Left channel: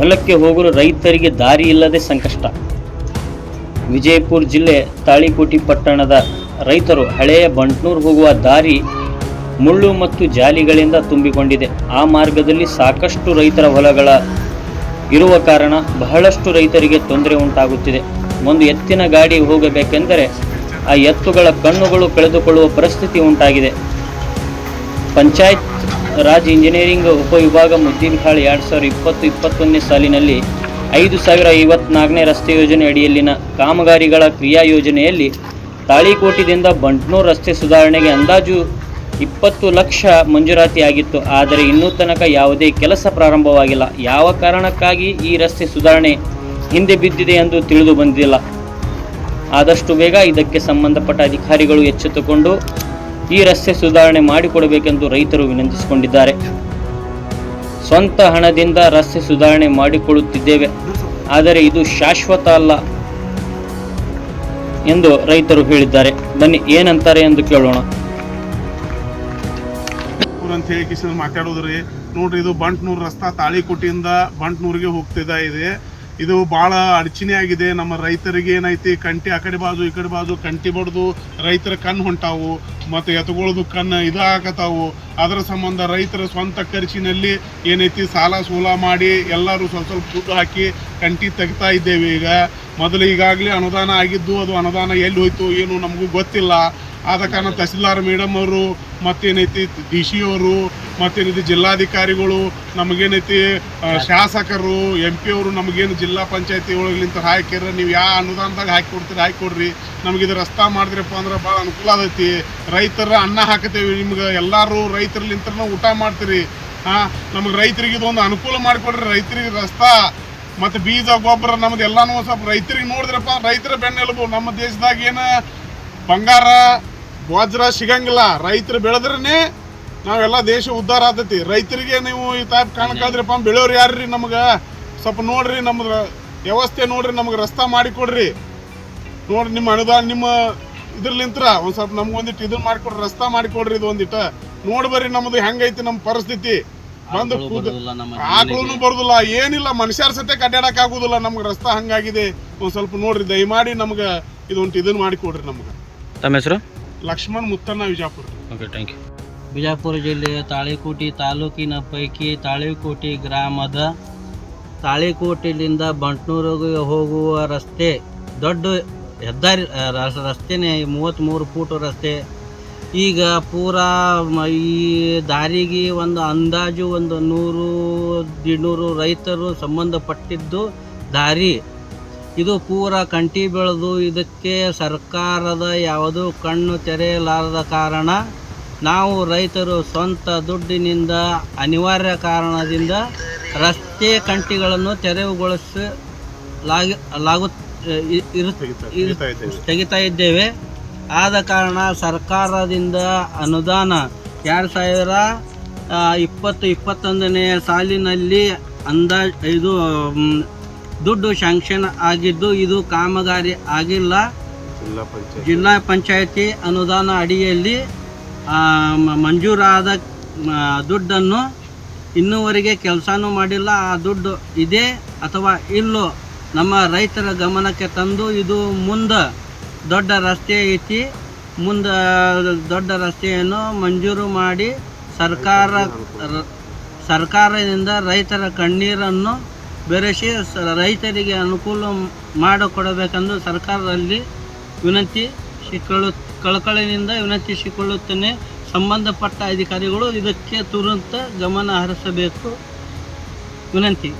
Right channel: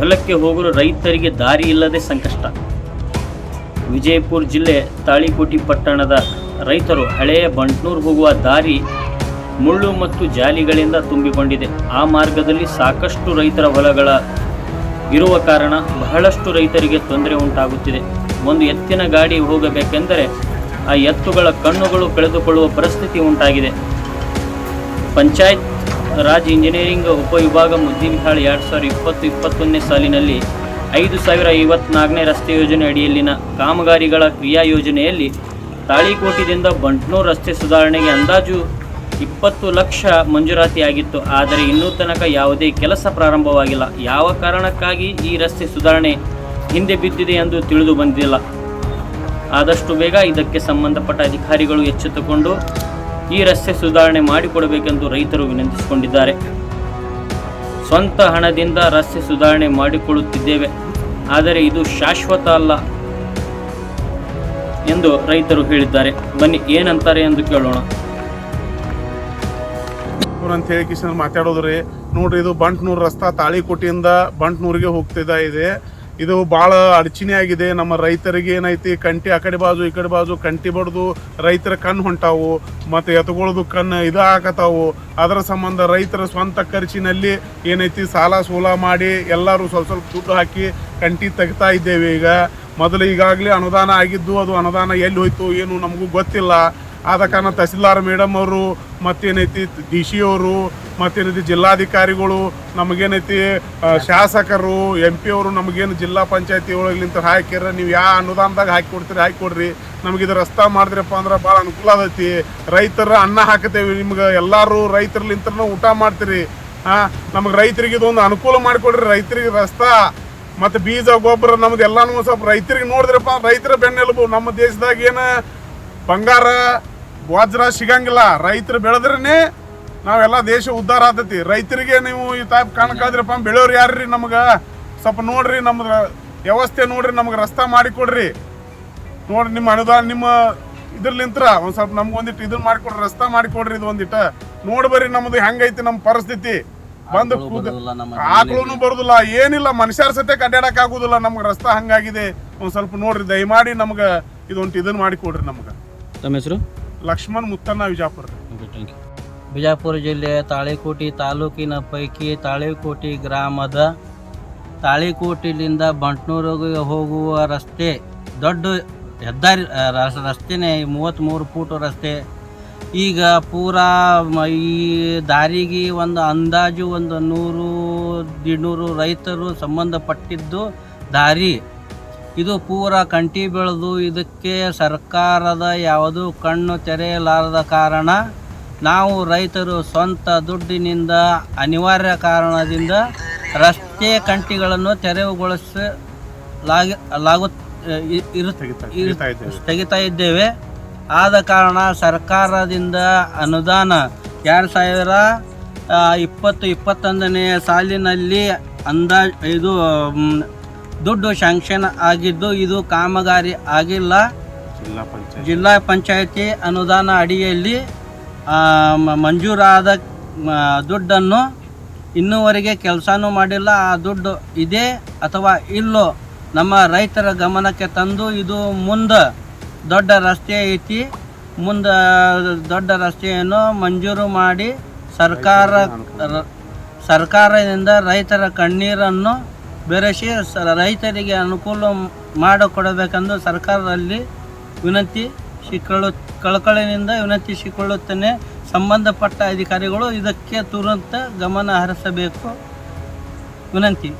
ಹೊಲಕ್ಕೆ ಹೋಗಲು ರೈತರಿಗೆ ದಾರಿ ಇಲ್ಲದೆ ಸಂಕಷ್ಟ. ವಿಜಯಪುರ ಜಿಲ್ಲೆ ತಾಳಿಕೋಟಿ ಪಟ್ಟಣದ ರೈತರು ಹಳೆಯ ಬಂಟ್ನೂರು ಹೋಗುವ ದಾರಿ ಮುಳ್ಳು ಮತ್ತು ಜಾಲಿಗಳಿಂದ ತುಂಬಿಕೊಂಡಿದೆ. ಆ ಮಾರ್ಗದಲ್ಲಿ ಸಾಕಷ್ಟು ರೈತರ ಹೊಲಗಳ ಇರುವ ಕಾರಣ ಬಹಳಷ್ಟು ರೈತರಿಗೆ ತೊಂದರೆ ಉಂಟಾಗುತ್ತಿದೆ. ಒಂದು ಎತ್ತಿನ ಗಾಡಿ ಹೋಗಬೇಕೆಂದರೆ ಆ ಎತ್ತುಗಳ ಕಣ್ಣುಗಳು ಕಳೆದುಕೊಳ್ಳುವ ಪರಿಸ್ಥಿತಿ ಉಂಟಾಗಿದೆ. ಪಂಚಾಯತ್ ರಾಜ್ ಇಂಜಿನಿಯರಿಂಗ್ ಉಪವಿಭಾಗ ಮುದ್ದೇಬಿಹಾಳ್ 2020-21ನೇ ಸಾಲಿನಲ್ಲಿ 5054ನೇ ರಸ್ತೆ ಯೋಜನೆ ಅಡಿಯಲ್ಲಿನ ಕಾಮಗಾರಿಗಳ ಕ್ರಿಯಾ ಯೋಜನೆಯಲ್ಲಿ ತಾಳಿಕೋಟಿದಿಂದ ಬಂಟ್ನೂರು ರಸ್ತೆ ಸುಧಾರಣೆಗೆ ಅಂದಾಜು 20 ಲಕ್ಷ ಮಂಜೂರಾತಿಯಾಗಿತ್ತು. ಆದರೆ ಇನ್ನೂ ತನಕ ಯಾವುದೇ ಕೆಲಸ ಪ್ರಾರಂಭವಾಗಿಲ್ಲ. ಯಾವ ಕಾರಣಕ್ಕಾಗಿ ಈ ರಸ್ತೆ ಸುಧಾರಣೆ ಹಿಂದೆ ಬಿದ್ದಿದೆ ಎಂದು ತಿಳಿದು ಬಂದಿಲ್ಲ. ಆದಷ್ಟು ಬೇಗ ಇದಕ್ಕೆ ಸಂಬಂಧಪಟ್ಟ ಅಧಿಕಾರಿಗಳು ಎಚ್ಚೆತ್ತುಕೊಂಡು ಈ ರಸ್ತೆ ಸುಧಾರಣೆ ಮಾಡಿಕೊಡಬೇಕೆಂದು ರೈತರು ವಿನಂತಿಸಿಕೊಂಡಿದ್ದಾರೆ. ಸ್ವಂತ ಹಣದಿಂದ ರಸ್ತೆ ಸುಧಾರಣೆ ಮಾಡಿಕೊಳ್ಳುತ್ತಿದ್ದೇವೆ, ಆದರೆ ಇದು ಶಾಶ್ವತ ಅಲ್ಲ ಎಂದು ರೈತರು ಹೇಳಿದ್ದಾರೆ. ಬನ್ನಿ ಏನಂತಾರೆ ಎಂದು ಕೇಳೋಣ. ಅಂತ ಹೇಳಿ ಕಿಶನ್ ಮಾತಾಡೋದ್ರಿ. ನೋಡ್ರಿ, ಇದು ಬಂಟ್ನೂರು ರಸ್ತಾ ತಾಳಿಕೋಟಿಯಿಂದ ಬಂಟ್ನೂರಿಗೆ ಹೋಗ್ತಿದೆ. ಇದು ಭಾಳ ಅಡಚಣೆ ಆಗಿದೆ. ನಮ್ಮ ರೈತರಿಗೆ ಏನೈತಿ, ಕಂಟಿ ಆ ಕಡೆ ಬಾಜು ಈ ಕಡೆ ಬಾಜು ಕಂಟಿ ಬಡ್ದು ರೈತರ ಕಣ್ಣು ಹೊಂಟಾವು ಮತ್ತು ಎತ್ಕೊಳ್ಳೋದು ಕಣ್ಣು ಇದಾಗತ್ತಾವು. ಅದರ ಸಂಬಂಧ ರೈತರ ಸ್ವಂತ ಖರ್ಚಿನಲ್ಲಿ ಏನೈತಿ ಸಾಲ ಸೋಲ ಮಾಡಿ ಎಲ್ಲರೂ ಸ್ವಲ್ಪ ದುಡ್ಡು ಹಾಕಿ ಕಂಟಿ ತೆಗಿತಾ ಇದ್ದೇವೆ. ಮೊದಲು ಈಗಾಗಲೇ ಅನುದಾನ ಆಗಿದ್ದು, ಅದು ಅನುದಾನ ಎಲ್ಲಿ ಹೋಯ್ತು ಏನು ನಮಗೂ ಗೊತ್ತಿಲ್ಲ. ಆದ ಕಾರಣ ತಹಸೀಲ್ದಾರ್ ಮೇಡಮ್ ಅವರು ಮತ್ತೇನೈತಿ ಡಿ ಸಿ ಅವರು ಮತ್ತೇನೈತಿ ಜಿಲ್ಲಾಧಿಕಾರಿಗಳು ನಮಗೇನೈತಿ ಶಾಸಕರು MP ಅವರು ನಮಗೇನು ಜಿಲ್ಲಾ ಪಂಚಾಯತಿ ಒಳಗಿಂತ ಹಾಕಿರ ನೀವು ಯಾವ ಅನುದಾನದಾಗ ಹಾಕಿಕೊಡ್ರಿ ನಮಗಿದು ರಸ್ತಾ ಮಾಡಿದ್ರಪ್ಪ ಅಂದ್ರೆ ಭಾಳ ಅನುಕೂಲ ಆಗೈತಿ. ರೈತರ ಅನ್ನ ಹಾಕತೇವೆ, ನಿಮ್ಗೆ ಎಲ್ಲರೂ ರೈತರ್ಲಿಂತ ಊಟ ಮಾಡ್ತೀರಿ. ನಮಗೆ ರೈತರಿಗೆ ಇದೊಂದು ಅನುಕೂಲ ಮಾಡಿಕೊಡ್ರಿ. ರೈತರಿಗೆ ರಸ್ತಾ ಮತ್ತು ಬೀಜ ಗೊಬ್ಬರ ನಮ್ದು ಎಲ್ಲಾನು ಸ್ವಲ್ಪ ರೈತರಿಗೆ ನೋಡಿದ್ರಪ್ಪ, ರೈತರ ಬೆನ್ನೆಲುಬು. ನಮ್ಮ ದೇಶದಾಗ ಏನು ಬಂಗಾರ ವಜ್ರ ಸಿಗಂಗಿಲ್ಲ, ರೈತರು ಬೆಳೆದ್ರೇ ನಾವೆಲ್ಲ ದೇಶ ಉದ್ಧಾರ ಆಗ್ತೈತಿ. ರೈತರಿಗೆ ನೀವು ಈ ಟೈಪ್ ಕಾಣಕ್ಕಾದ್ರಪ್ಪ, ಬೆಳೆಯೋರು ಯಾರ್ರಿ? ನಮ್ಗೆ ಸ್ವಲ್ಪ ನೋಡ್ರಿ, ನಮ್ದು ವ್ಯವಸ್ಥೆ ನೋಡ್ರಿ, ನಮ್ಗೆ ರಸ್ತಾ ಮಾಡಿಕೊಡ್ರಿ. ನೋಡ್ರಿ ನಿಮ್ಮ ಅನುದಾನ ನಿಮ್ಮ ಇದ್ರಲಿಂತ್ರ ಒಂದು ಸ್ವಲ್ಪ ನಮ್ಗೊಂದಿಟ್ಟು ಇದನ್ನ ಮಾಡಿಕೊಡ್ರಿ, ರಸ್ತಾ ಮಾಡಿಕೊಡ್ರಿ. ಇದು ಒಂದಿಟ್ಟು ನೋಡಿ ಬರ್ರಿ ನಮ್ದು ಹೆಂಗೈತಿ ನಮ್ಮ ಪರಿಸ್ಥಿತಿ. ಬಂದು ಆಕಳೂ ಬರೋದಿಲ್ಲ, ಏನಿಲ್ಲ, ಮನುಷ್ಯರ ಸತ್ಯಕ್ಕೆ ಅಡ್ಡಾಡಕ್ ಆಗುದಿಲ್ಲ. ನಮ್ಗೆ ರಸ್ತಾ ಹಂಗಾಗಿದೆ. ಒಂದು ಸ್ವಲ್ಪ ನೋಡ್ರಿ, ದಯಮಾಡಿ ನಮ್ಗೆ ಇದೊಂದು ಇದನ್ನ ಮಾಡಿಕೊಡ್ರಿ. ನಮ್ಗೆ ತಮ್ಮ ಹೆಸರು? Lakshman Muttanna, Vijayapura. Okay, thank you. Bijapur ಜಿಲ್ಲೆಯ ತಾಳಿಕೋಟಿ ತಾಲೂಕಿನ ಪೈಕಿ ತಾಳಿಕೋಟಿ ಗ್ರಾಮದ ತಾಳಿಕೋಟಿಲಿಂದ ಬಂಟ್ನೂರಿಗೆ ಹೋಗುವ ರಸ್ತೆ ದೊಡ್ಡ ಹೆದ್ದಾರಿ ರಸ್ತೆನೇ 33 ಫೂಟ್ ರಸ್ತೆ. ಈಗ ಪೂರಾ ಈ ದಾರಿಗೆ ಒಂದು ಅಂದಾಜು 100-150 ರೈತರು ಸಂಬಂಧಪಟ್ಟಿದ್ದು ದಾರಿ. ಇದು ಪೂರ ಕಂಟಿ ಬೆಳೆದು ಇದಕ್ಕೆ ಸರ್ಕಾರದ ಯಾವುದೂ ಕಣ್ಣು ತೆರೆಯಲಾರದ ಕಾರಣ ನಾವು ರೈತರು ಸ್ವಂತ ದುಡ್ಡಿನಿಂದ ಅನಿವಾರ್ಯ ಕಾರಣದಿಂದ ರಸ್ತೆ ಕಂಟಿಗಳನ್ನು ತೆಗಿತಾ ಇದ್ದೇವೆ. ಆದ ಕಾರಣ ಸರ್ಕಾರದಿಂದ ಅನುದಾನ 2020-21ನೇ ಸಾಲಿನಲ್ಲಿ ಇದು ದುಡ್ಡು ಶಾಂಕ್ಷನ್ ಆಗಿದ್ದು ಇದು ಕಾಮಗಾರಿ ಆಗಿಲ್ಲ. ಜಿಲ್ಲಾ ಪಂಚಾಯತಿ ಅನುದಾನ ಅಡಿಯಲ್ಲಿ ಮಂಜೂರಾದ ದುಡ್ಡನ್ನು ಇನ್ನೂವರೆಗೆ ಕೆಲಸನೂ ಮಾಡಿಲ್ಲ. ಆ ದುಡ್ಡು ಇದೆ ಅಥವಾ ಇಲ್ಲೋ ನಮ್ಮ ರೈತರ ಗಮನಕ್ಕೆ ತಂದು ಇದು ಮುಂದೆ ದೊಡ್ಡ ರಸ್ತೆ ಐತಿ, ಮುಂದೆ ದೊಡ್ಡ ರಸ್ತೆಯನ್ನು ಮಂಜೂರು ಮಾಡಿ ಸರ್ಕಾರದಿಂದ ರೈತರ ಕಣ್ಣೀರನ್ನು ಬೆರೆಸಿ ರೈತರಿಗೆ ಅನುಕೂಲ ಮಾಡಿಕೊಡಬೇಕೆಂದು ಸರ್ಕಾರದಲ್ಲಿ ಕಳಕಳಿನಿಂದ ವಿನಂತಿಸಿಕೊಳ್ಳುತ್ತೇನೆ. ಸಂಬಂಧಪಟ್ಟ ಅಧಿಕಾರಿಗಳು ಇದಕ್ಕೆ ತುರಂತ ಗಮನ ಹರಿಸಬೇಕು, ವಿನಂತಿ.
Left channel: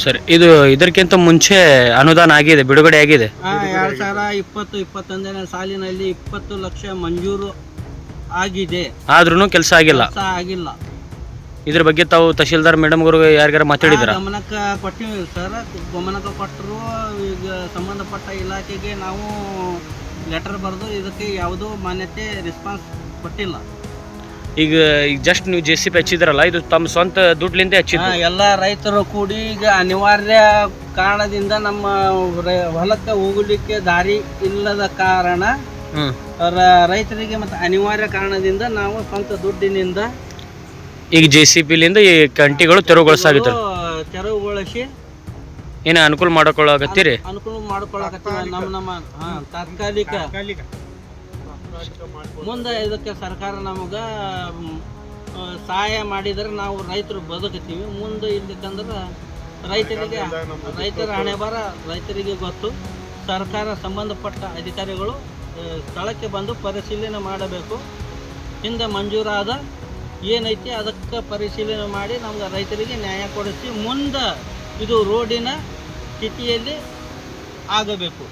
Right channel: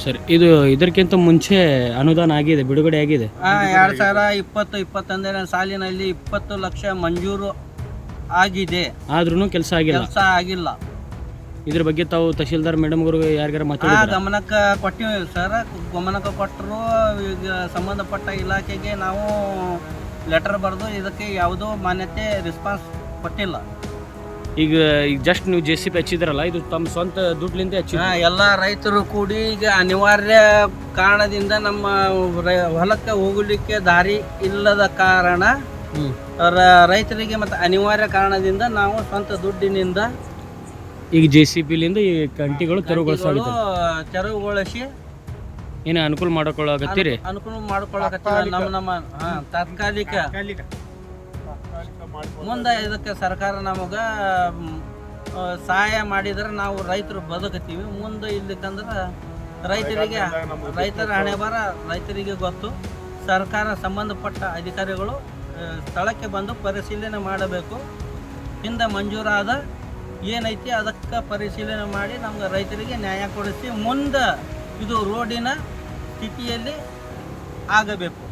ಸರ್, ಇದು ಇದಕ್ಕಿಂತ ಮುಂಚೆ ಅನುದಾನ ಆಗಿದೆ, ಬಿಡುಗಡೆ ಆಗಿದೆ. 2020-21ನೇ ಸಾಲಿನಲ್ಲಿ 20 ಲಕ್ಷ ಮಂಜೂರು ಆಗಿದೆ, ಆದ್ರೂ ಕೆಲಸ ಆಗಿಲ್ಲ. ಇದ್ರ ಬಗ್ಗೆ ತಾವು ತಹಶೀಲ್ದಾರ್ ಮೇಡಮ್ ಅವರು ಯಾರಿಗಾರ ಮಾತಾಡಿದ್ರ? ಗಮನಕ್ಕೆ ಕೊಟ್ಟಿವಿ ಸರ್, ಗಮನಕ್ಕೆ ಕೊಟ್ಟರು. ಈಗ ಸಂಬಂಧಪಟ್ಟ ಇಲಾಖೆಗೆ ನಾವು ಲೆಟರ್ ಬರೆದು ಇದಕ್ಕೆ ಯಾವುದೋ ಮಾನ್ಯತೆ ರೆಸ್ಪಾನ್ಸ್ ಕೊಟ್ಟಿಲ್ಲ. ಈಗ ಜಸ್ಟ್ ನೀವು JCB ಹಚ್ಚಿದ್ರಲ್ಲ, ಇದು ತಮ್ಮ ಸ್ವಂತ ದುಡ್ಲಿಂದ ಹಚ್ಚಿದ? ಎಲ್ಲ ರೈತರು ಕೂಡಿ ಈಗ ಅನಿವಾರ್ಯ ಕಾರಣದಿಂದ ನಮ್ಮ ಹೊಲಕ್ಕೆ ಹೋಗಲಿಕ್ಕೆ ದಾರಿ ಇಲ್ಲದ ಕಾರಣ ರೈತರಿಗೆ ಮತ್ತು ಅನಿವಾರ್ಯ ಕಾರಣದಿಂದ ನಾವು ಸ್ವಂತ ದುಡ್ಡಿನಿಂದ ಈಗ JCB ಲಿಂದ ಈ ಕಂಟಿಗಳು ತೆರವುಗೊಳಿಸಾಗಿತ್ತು. ತೆರವುಗೊಳಿಸಿ ಏನು ಅನುಕೂಲ ಮಾಡ್ಕೊಳ್ಳಾಕತ್ತೀರಿ? ಅನುಕೂಲ ಮಾಡ್ಕೊಳ್ಳಕತ್ತೀವಿ. ನಮ್ಮ ತಾತ್ಕಾಲಿಕ ಮುಂದೆ ಇದಕ್ಕೆ ಸರ್ಕಾರ ನಮಗೆ ಸಹಾಯ ಮಾಡಿದ್ರೆ ನಾವು ರೈತರು ಬದುಕತ್ತೀವಿ. ಮುಂದೆ ಇಲ್ಲಿಕಂದ್ರೆ ರೈತರ ಹಣೆ ಬರ ರೈತರಿಗೆ ಗೊತ್ತು. ಸರ್ಕಾರ ಸಂಬಂಧಪಟ್ಟ ಅಧಿಕಾರಿಗಳು ಸ್ಥಳಕ್ಕೆ ಬಂದು ಪರಿಶೀಲನೆ ಮಾಡಬೇಕು. ಹಿಂದೆ ಮಂಜೂರಾದ ಏನೈತಿ ಅದಕ್ಕೆ ಪರಿಶೀಲನೆ ಮಾಡಿ ನಮ್ಗೆ ರೈತರಿಗೆ ನ್ಯಾಯ ಕೊಡಿಸಿ ಮುಂದೆ ಇದು ರೋಡಿನ ಸ್ಥಿತಿಯಲ್ಲಿ ಆಗಬೇಕು.